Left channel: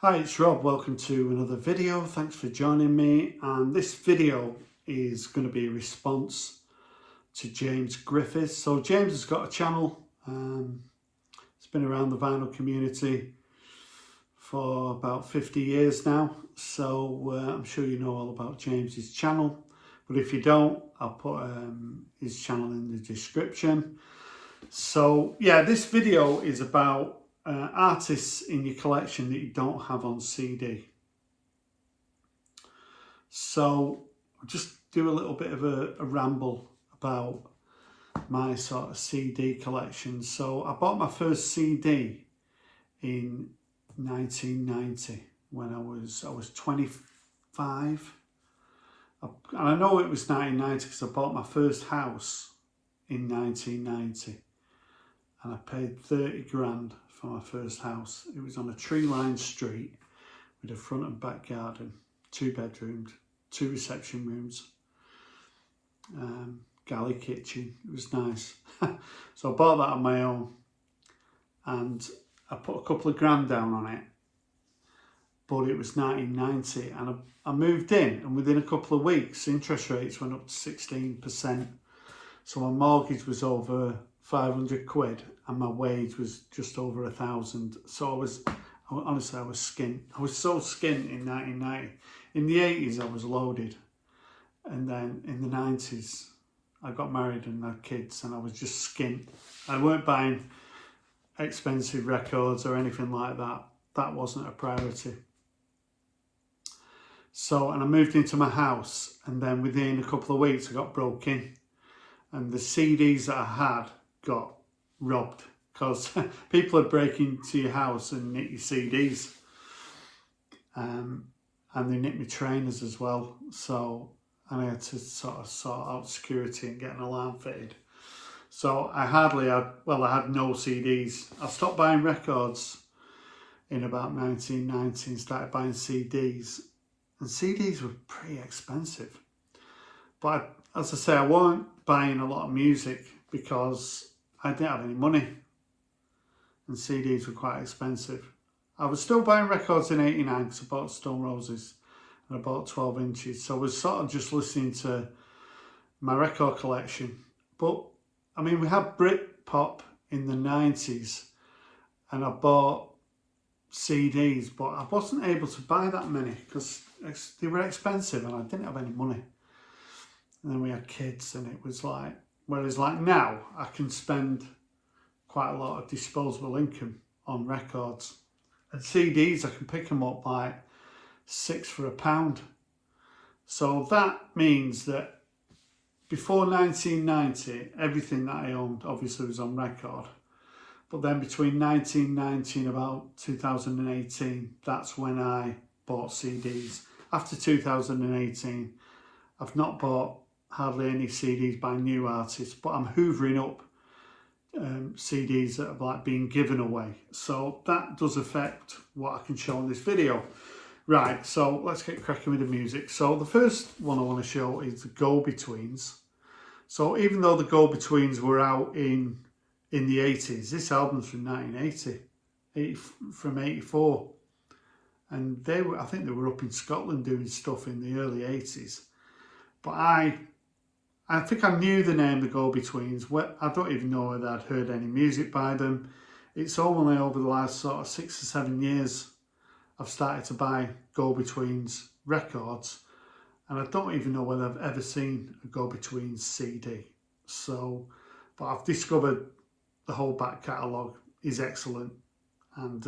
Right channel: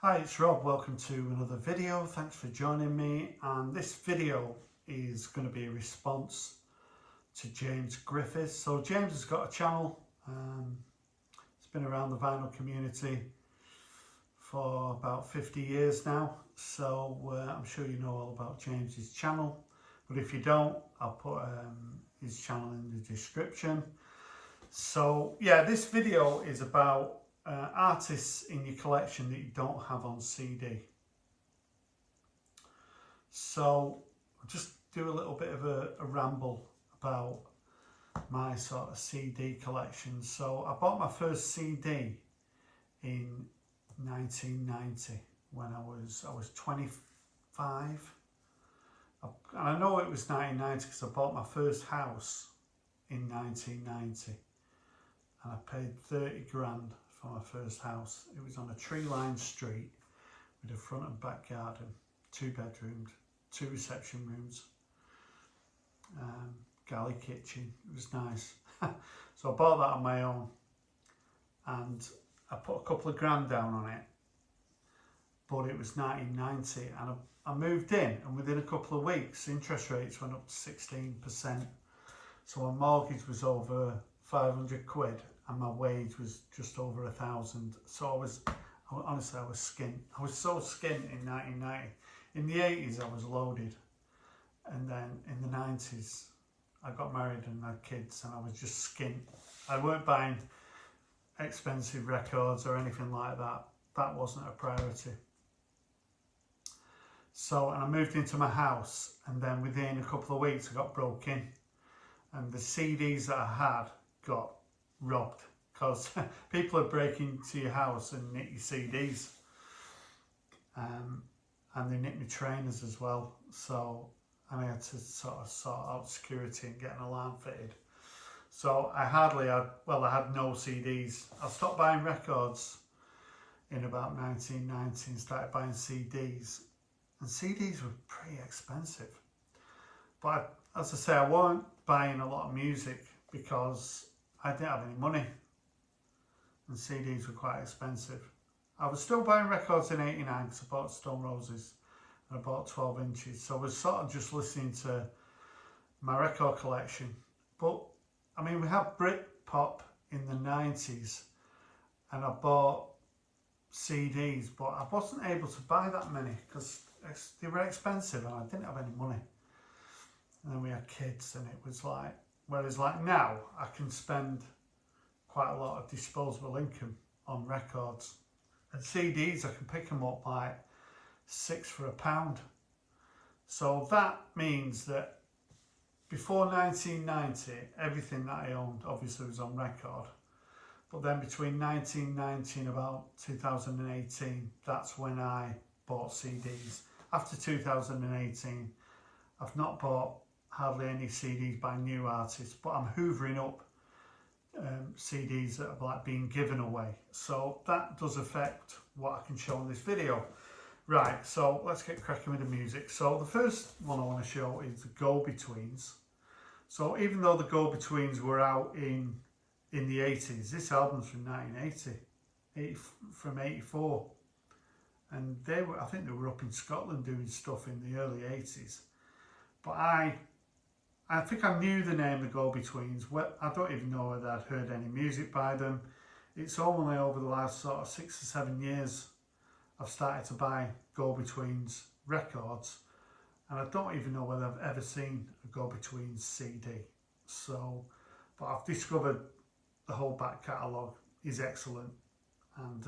Hi, it's Rob. Welcome to another video. Thanks for joining me. And this video is going to be a response to James Griffiths. So James has got a channel. It's been around the vinyl community for about 50 years now. So I'm sure you know all about James's channel. But if you don't, I'll put his channel in the description. So yeah, this video is about artists in your collection that you don't have on CD. So I'll just do a little bit of a ramble about my sort of CD collection. So I bought my first CD in 1990 when I was 25. And I know it was 1990 because I bought my first house in 1990 and I paid 30 grand for my first house. It was on a tree-lined street with a front and back garden, 2 bedrooms, 2 reception rooms, galley kitchen. It was nice. So I bought that on my own and I put a couple of grand down on it, but it was 1990 and I moved in, and within a couple of weeks interest rates went up to 16%. So my mortgage was over 500 quid and my wage was just over 1,000. So I was skint. I was so skint in 1990. In the 80s I was loaded, and then in the 90s I got married and had kids and I was just skint. I weren't buying expensive records or anything like that. That wasn't a priority. So, and I moved into my house, and then within a couple of weeks I got broke in and the CDs that I had got robbed because people would break into your house and nick your CDs, and they nicked my trainers as well. So, and I had to sort out security and get an alarm fitted. So I had no CDs. I stopped buying records in about 1990 and started buying CDs, and CDs were pretty expensive. But as I say, I weren't buying a lot of music because I didn't have any money and CDs were quite expensive. I was still buying records in 89 because I bought Stone Roses and I bought 12 inches. So I was sort of just listening to my record collection. But I mean, we had Britpop in the 90s and I bought CDs, but I wasn't able to buy that many because they were expensive and I didn't have any money. And then we had kids and it was like, whereas like now I can spend quite a lot of disposable income on records, and CDs I can pick them up like 6 for £1. So that means that before 1990 everything that I owned obviously was on record, but then between 1990 and about 2018 that's when I bought CDs. After 2018 I've not bought hardly any CDs by new artists, but I'm hoovering up CDs that have like been given away. So that does affect what I can show in this video. Right, so let's get cracking with the music. So the first one I want to show is the Go-Betweens. So even though the Go-Betweens were out in the 80s, this album's from 1980, from 84. And I think they were up in Scotland doing stuff in the early 80s. But I think I knew the name the Go-Betweens. I don't even know whether I'd heard any music by them. It's only over the last sort of 6 or 7 years I've started to buy Go-Betweens records, and I don't even know whether I've ever seen a Go-Betweens CD. So, but I've discovered the whole back catalogue is excellent, and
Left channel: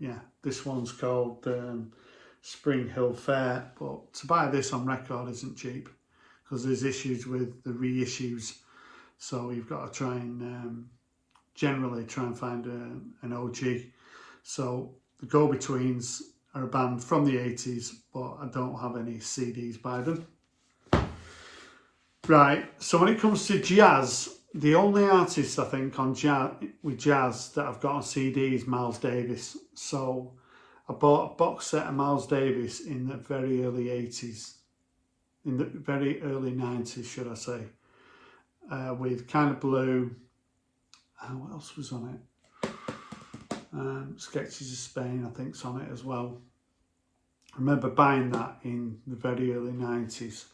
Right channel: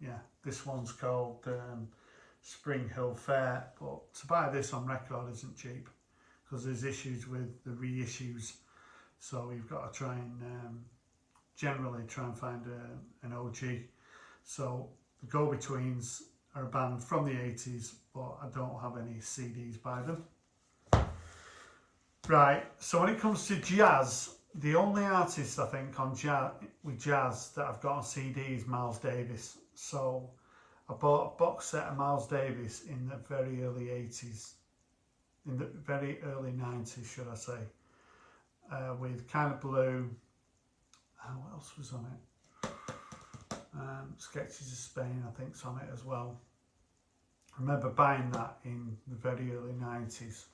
yeah, this one's called Spring Hill Fair. But to buy this on record isn't cheap, because there's issues with the reissues, so you've got to try and generally try and find an OG. So the Go-Betweens are a band from the 80s, but I don't have any CDs by them. Right, so when it comes to jazz, the only artist I think on jazz that I've got on CD is Miles Davis. So I bought a box set of Miles Davis in the very early 80s. In the very early 90s, should I say, with Kind of Blue. What else was on it? Sketches of Spain, I think's on it as well. I remember buying that in the very early 90s,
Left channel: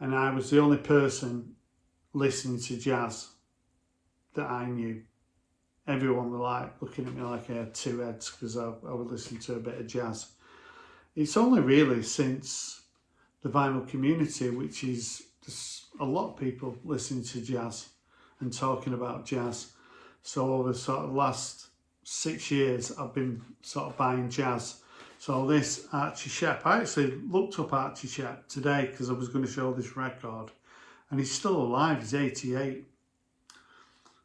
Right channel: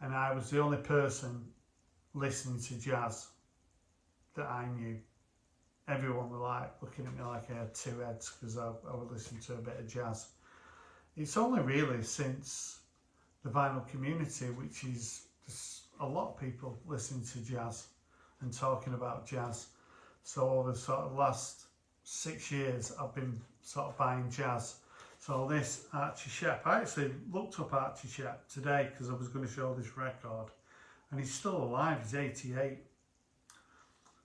and I was the only person listening to jazz that I knew. Everyone were like looking at me like I had two heads because I would listen to a bit of jazz. It's only really since the vinyl community, which is just a lot of people listening to jazz and talking about jazz. So over sort of the last 6 years, I've been sort of buying jazz. So this Archie Shep, I actually looked up Archie Shep today because I was going to show this record, and he's still alive. He's 88.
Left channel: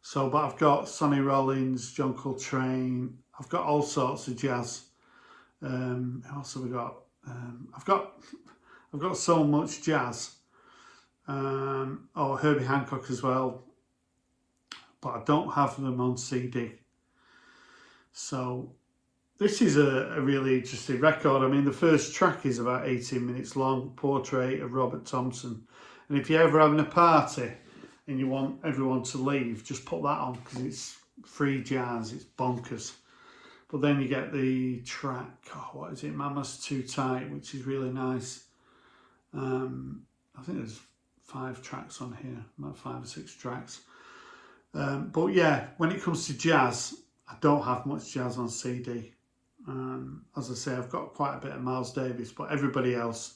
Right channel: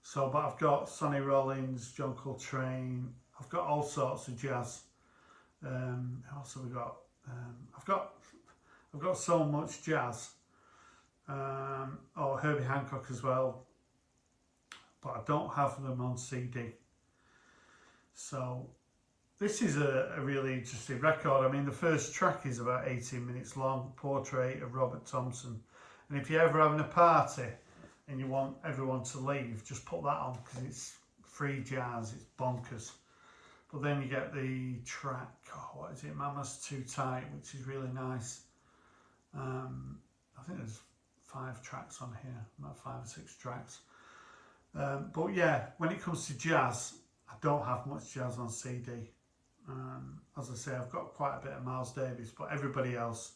So, but I've got Sonny Rollins, John Coltrane. I've got all sorts of jazz. Who else have we got? I've got so much jazz. Oh, Herbie Hancock as well. But I don't have them on CD. So this is a really interesting record. I mean, the first track is about 18 minutes long, Portrait of Robert Thompson. And if you're ever having a party and you want everyone to leave, just put that on because it's free jazz, it's bonkers. But then you get the track, oh, what is it, Mama's Too Tight, which is really nice. I think there's 5 tracks on here, about 5 or 6 tracks. But yeah, when it comes to jazz, I don't have much jazz on CD. As I say, I've got quite a bit of Miles Davis, but everybody else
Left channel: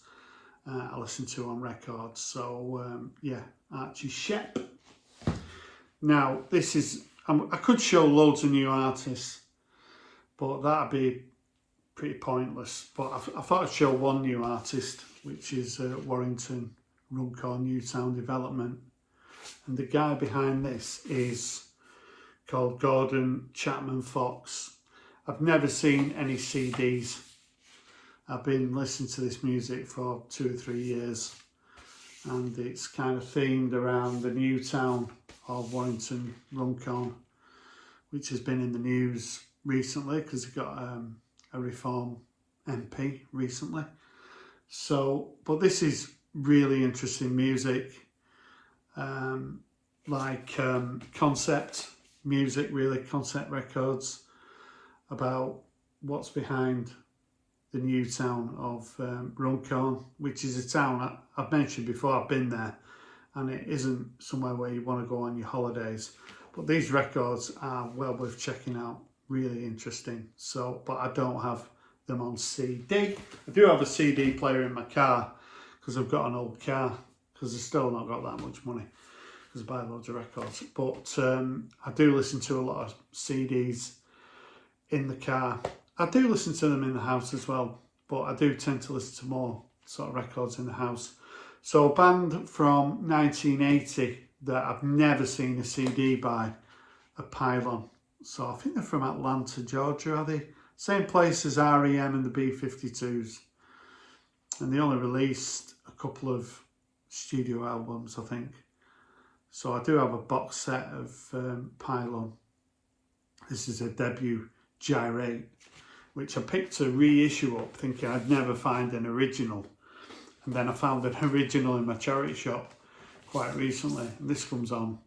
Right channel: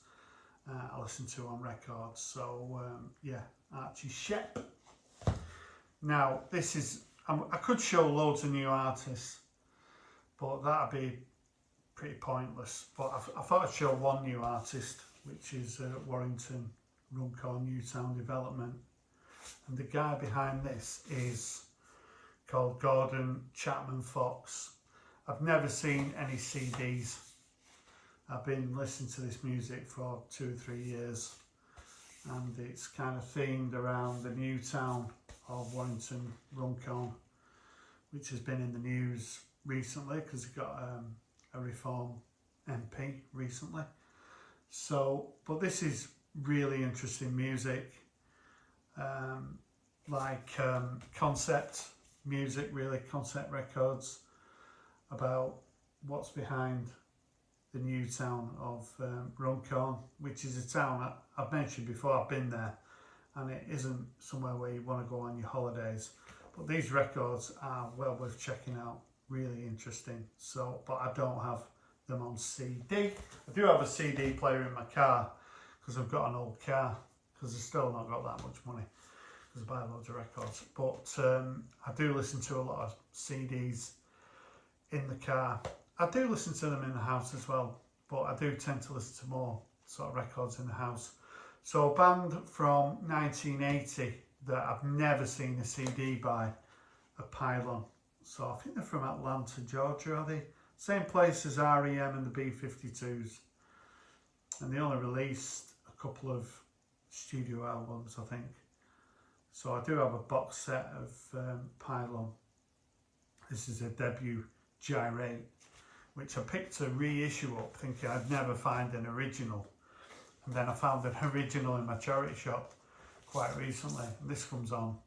I listen to on records. So yeah, Archie Shep. Now this is, I could show loads of new artists, but that'd be pretty pointless. But I thought I'd show one new artist, which is Warrington Runcorn Newtown Development. And the guy behind this is called Gordon Chapman Fox. I've never seen any CDs. I've been listening to this music for 2 or 3 years, and it's kind of themed around the new town of Warrington Runcorn, which has been in the news recently because it got a Reform MP recently. So, but this is really interesting music, concept music, really concept records about what's behind the new town of Runcorn, which is a town I've mentioned before. I've been there, and it isn't somewhere where you want to go on your holidays. But these records are well worth checking out, really interesting. So, but I don't have them on CD. I do have a CD player in my car because I've got an old car, because I've still not got that much money because I buy loads of records. But I do listen to a lot of CDs in the car. I do listen to them in the house as well, but I do tend to listen to more sort of records in the house. So a band from 1980 that I've never seen a CD by, a Pylon. So I think they're from Atlanta, Georgia, are they? Same place as REM and the B-52s. And they only released a couple of studio albums, I think. So I do have a box set of Pylon. This is a debut Gyrate, which I picked a reissue up thinking I'd never find an original. And then I found an original in my charity shop quite recently. And this comes on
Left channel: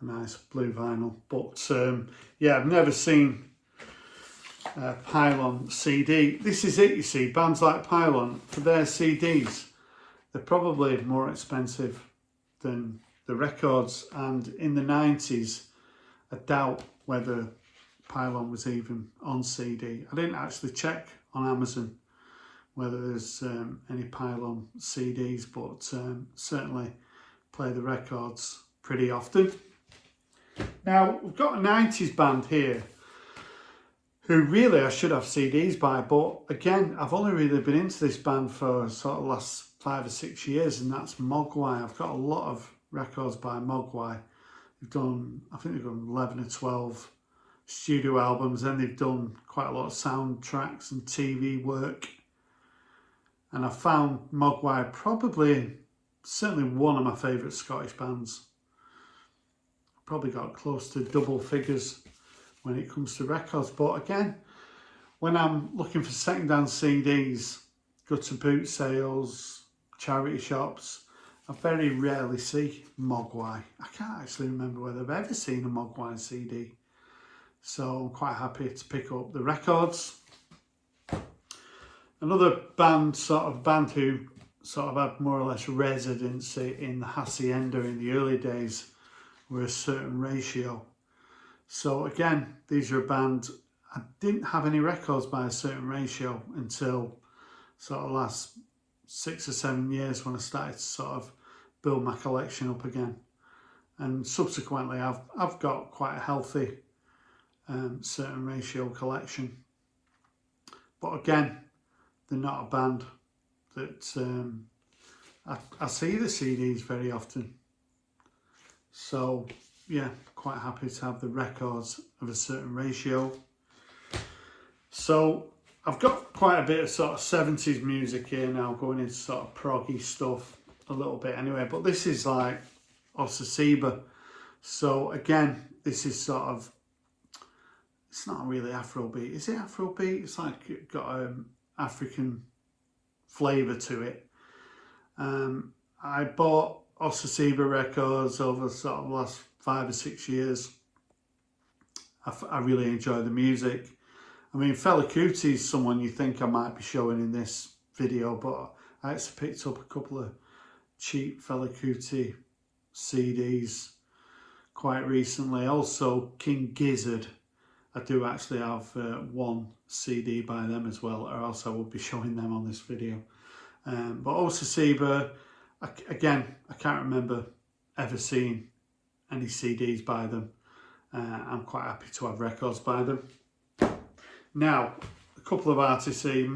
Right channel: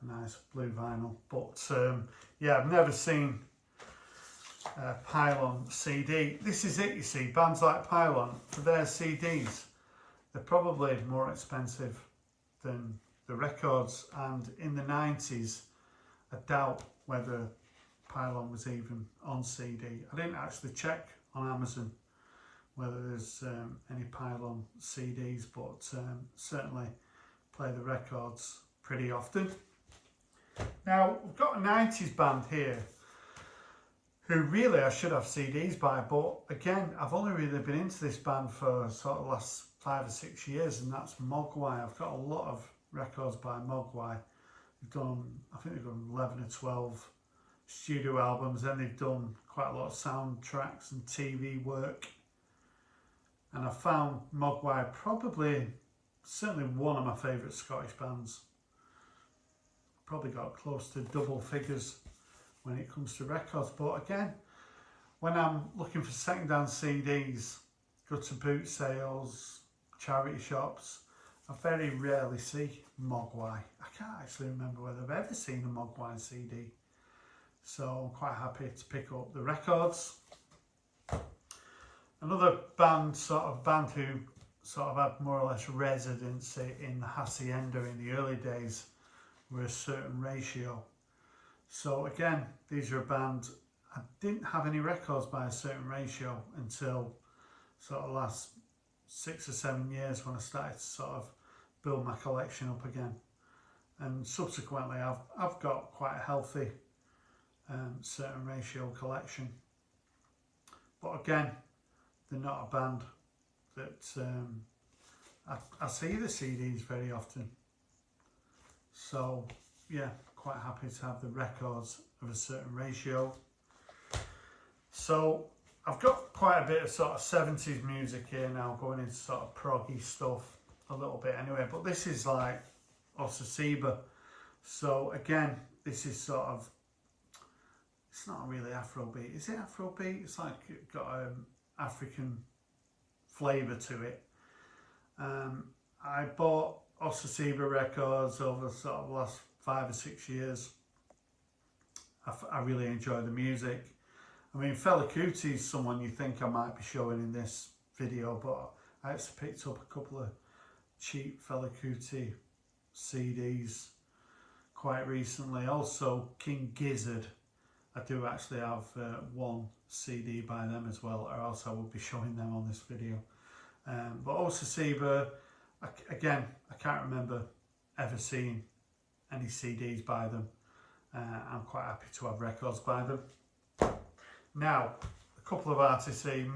a nice blue vinyl. But yeah, I've never seen Pylon CD. This is it, you see. Bands like Pylon, for their CDs, they're probably more expensive than the records. And in the 90s, I doubt whether Pylon was even on CD. I didn't actually check on Amazon whether there's any Pylon CDs, but certainly play the records pretty often. Now, we've got a 90s band here who really I should have CDs by, but again, I've only really been into this band for sort of last 5 or 6 years, and that's Mogwai. I've got a lot of records by Mogwai. They've done, I think they've done 11 or 12 studio albums, and they've done quite a lot of soundtracks and TV work. And I found Mogwai certainly one of my favourite Scottish bands. Probably got close to double figures when it comes to records. But again, when I'm looking for second-hand CDs, go to boot sales, charity shops, I very rarely see Mogwai. I can't actually remember whether I've ever seen a Mogwai CD. So I'm quite happy to pick up the records. Another band, who sort of had more or less residency in the Hacienda in the early days, were A Certain Ratio. So again, these are a band, I didn't have any records by A Certain Ratio until sort of last 6 or 7 years, when I started to sort of build my collection up again. And subsequently I've got quite a healthy Certain Ratio collection. But again, they're not a band that I see the CDs very often. So yeah, quite happy to have the records of A Certain Ratio. So I've got quite a bit of sort of 70s music here now, going into sort of proggy stuff a little bit anyway, but this is like Osasiba. So again, this is sort of, it's not really Afrobeat. Is it Afrobeat? It's like got African flavour to it. I bought Osasiba records over sort of the last 5 or 6 years. I really enjoy the music. I mean, Fela Kuti is someone you think I might be showing in this video, but I actually picked up a couple of cheap Fela Kuti CDs quite recently. Also, King Gizzard. I do actually have one CD by them as well, or else I would be showing them on this video. But Osasiba, again, I can't remember ever seeing any CDs by them. I'm quite happy to have records by them. Now, a couple of artists here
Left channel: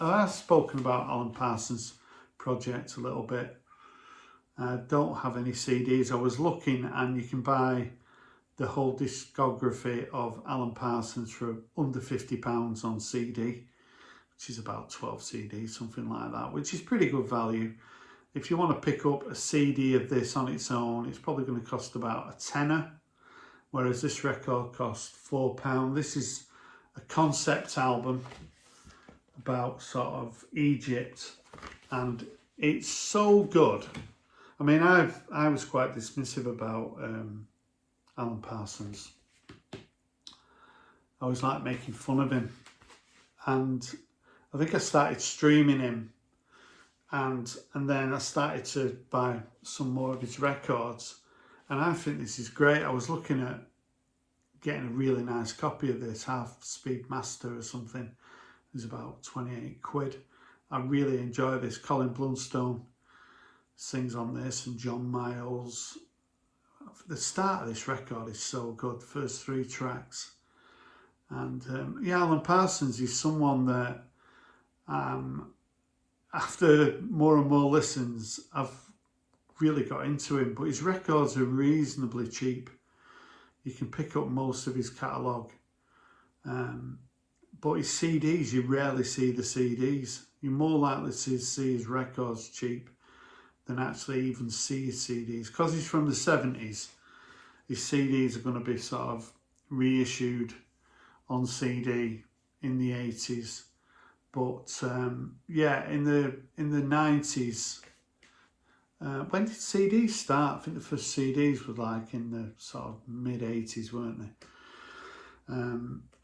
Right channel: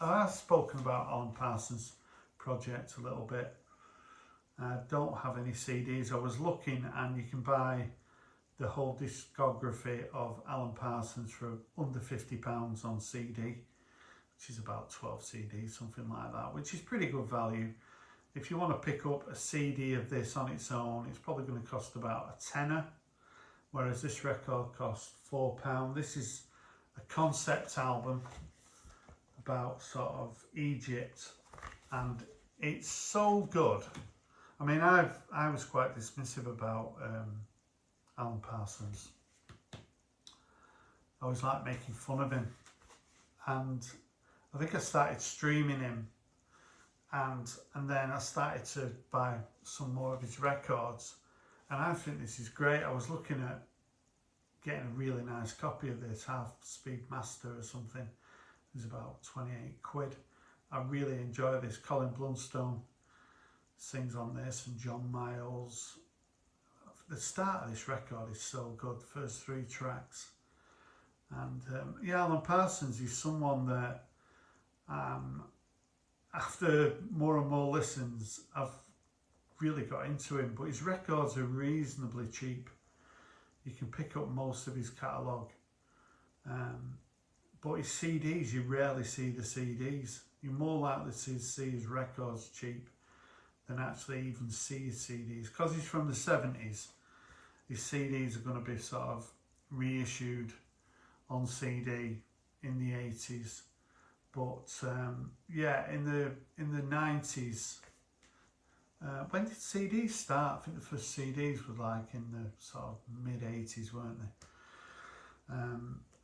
I've spoken about Alan Parsons' project a little bit. I don't have any CDs. I was looking, and you can buy the whole discography of Alan Parsons for under £50 on CD, which is about 12 CDs, something like that, which is pretty good value. If you want to pick up a CD of this on its own, it's probably going to cost about a tenner, whereas this record costs £4. This is a concept album about sort of Egypt, and it's so good. I mean, I was quite dismissive about Alan Parsons. I was like making fun of him, and I think I started streaming him, and then I started to buy some more of his records, and I think this is great. I was looking at getting a really nice copy of this, Half Speed Master or something. It was about 28 quid. I really enjoy this. Colin Blunstone sings on this, and John Miles. The start of this record is so good, the first 3 tracks. And yeah, Alan Parsons is someone that after more and more listens, I've really got into him, but his records are reasonably cheap. You can pick up most of his catalogue, but his CDs, you rarely see the CDs. You're more likely to see his records cheap than actually even see his CDs. Because he's from the 70s, his CDs are going to be sort of reissued on CD in the 80s. But yeah, in the 90s, when did CDs start? I think the first CDs were like in the sort of mid-80s, weren't they?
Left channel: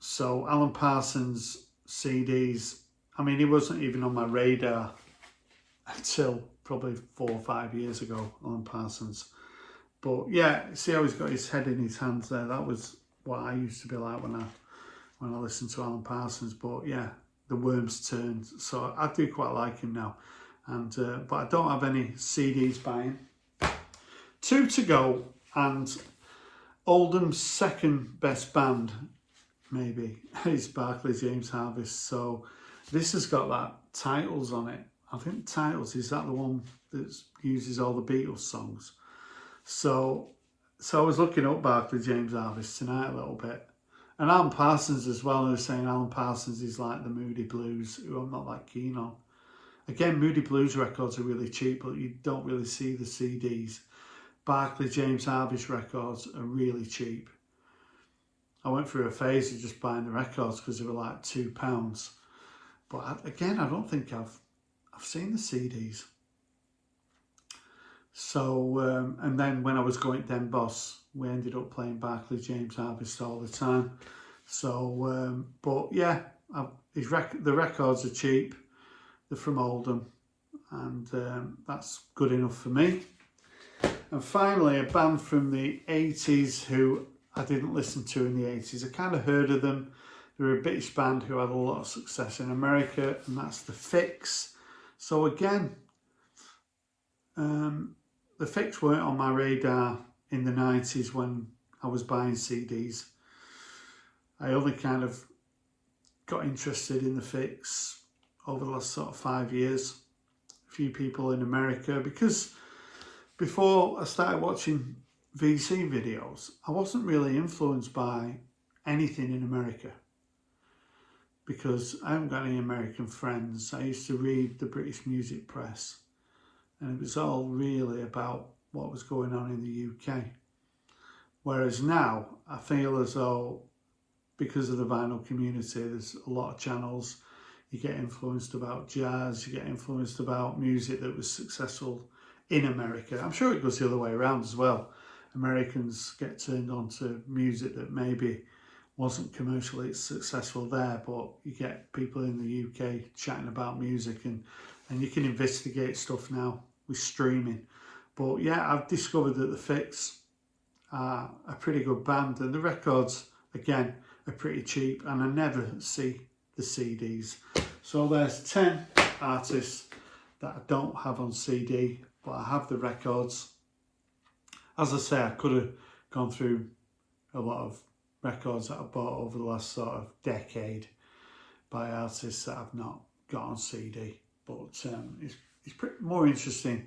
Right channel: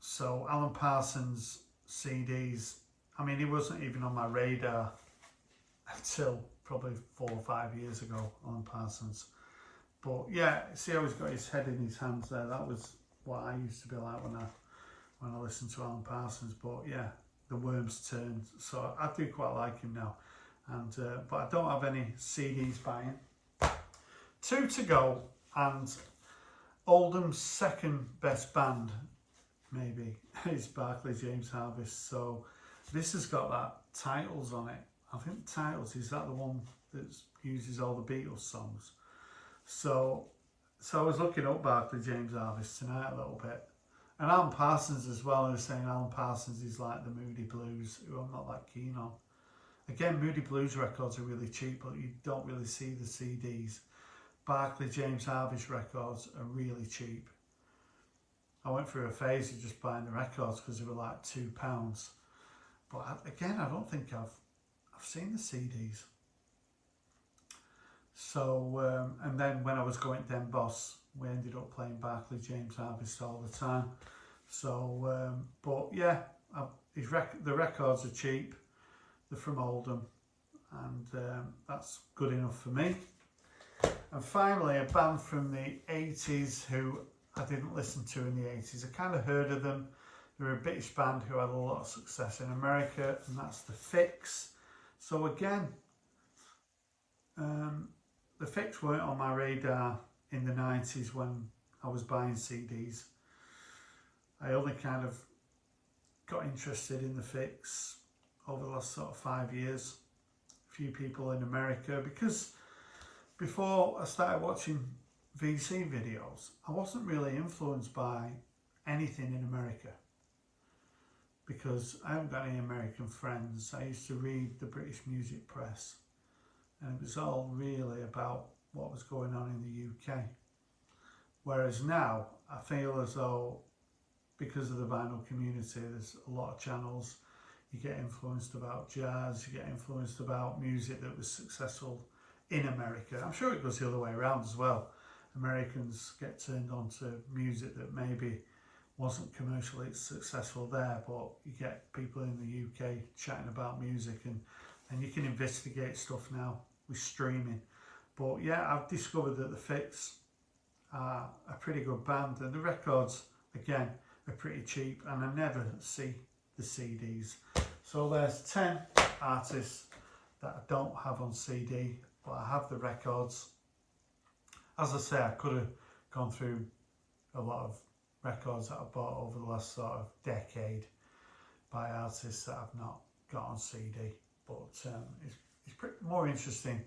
So Alan Parsons CDs, I mean, he wasn't even on my radar until probably 4 or 5 years ago, Alan Parsons. But yeah, see how he's got his head in his hands there. That was what I used to be like when I listened to Alan Parsons. But yeah, the worms turned. So I do quite like him now. And but I don't have any CDs by him. 2 to go, and Oldham's second best band, maybe, is Barkley James Harvest. So this has got that Titles on it. I think Titles, is that the one that uses all the Beatles songs? So I was looking up Barkley James Harvest tonight a little bit. And Alan Parsons as well. I was saying Alan Parsons is like the Moody Blues, who I'm not that keen on. Again, Moody Blues records are really cheap, but you don't really see the CDs. Barkley James Harvest records are really cheap. I went through a phase of just buying the records because they were like £2. But again, I don't think I've seen the CDs. So, and then when I was going to Den Boss, we ended up playing Barkley James Harvest all the time. So, but yeah, the records are cheap, they're from Oldham, and that's good enough for me. And finally, a band from the 80s who I didn't listen to in the 80s. I kind of heard of them. They're a British band who had a lot of success in America, and that's The Fix. So again, The Fix weren't on my radar in the 90s when I was buying CDs. I only kind of got interested in The Fix over the last sort of 5 years. A few people in America, because before I started watching VC videos, I wasn't really influenced by anything in America, because I haven't got any American friends. I used to read the British music press, and it was all really about what was going on in the UK. Whereas now, I feel as though, because of the vinyl community, there's a lot of channels. You get influenced about jazz, you get influenced about music that was successful in America. I'm sure it goes the other way around as well. Americans get turned on to music that maybe wasn't commercially successful there, but you get people in the UK chatting about music, and you can investigate stuff now with streaming. But yeah, I've discovered that The Fix are a pretty good band, and the records, again, are pretty cheap, and I never see the CDs. So there's 10 artists that I don't have on CD, but I have the records. As I say, I could have gone through a lot of records that I bought over the last sort of decade by artists that I've not got on CD, but it's pretty more interesting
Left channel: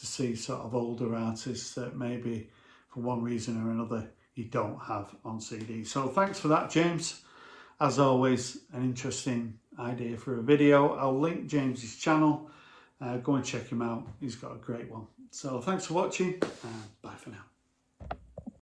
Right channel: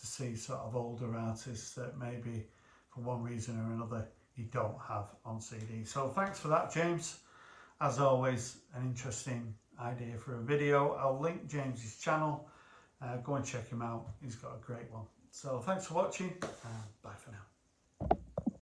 to see sort of older artists that maybe for one reason or another you don't have on CD. So thanks for that, James. As always, an interesting idea for a video. I'll link James's channel. Go and check him out. He's got a great one. So thanks for watching, and bye for now.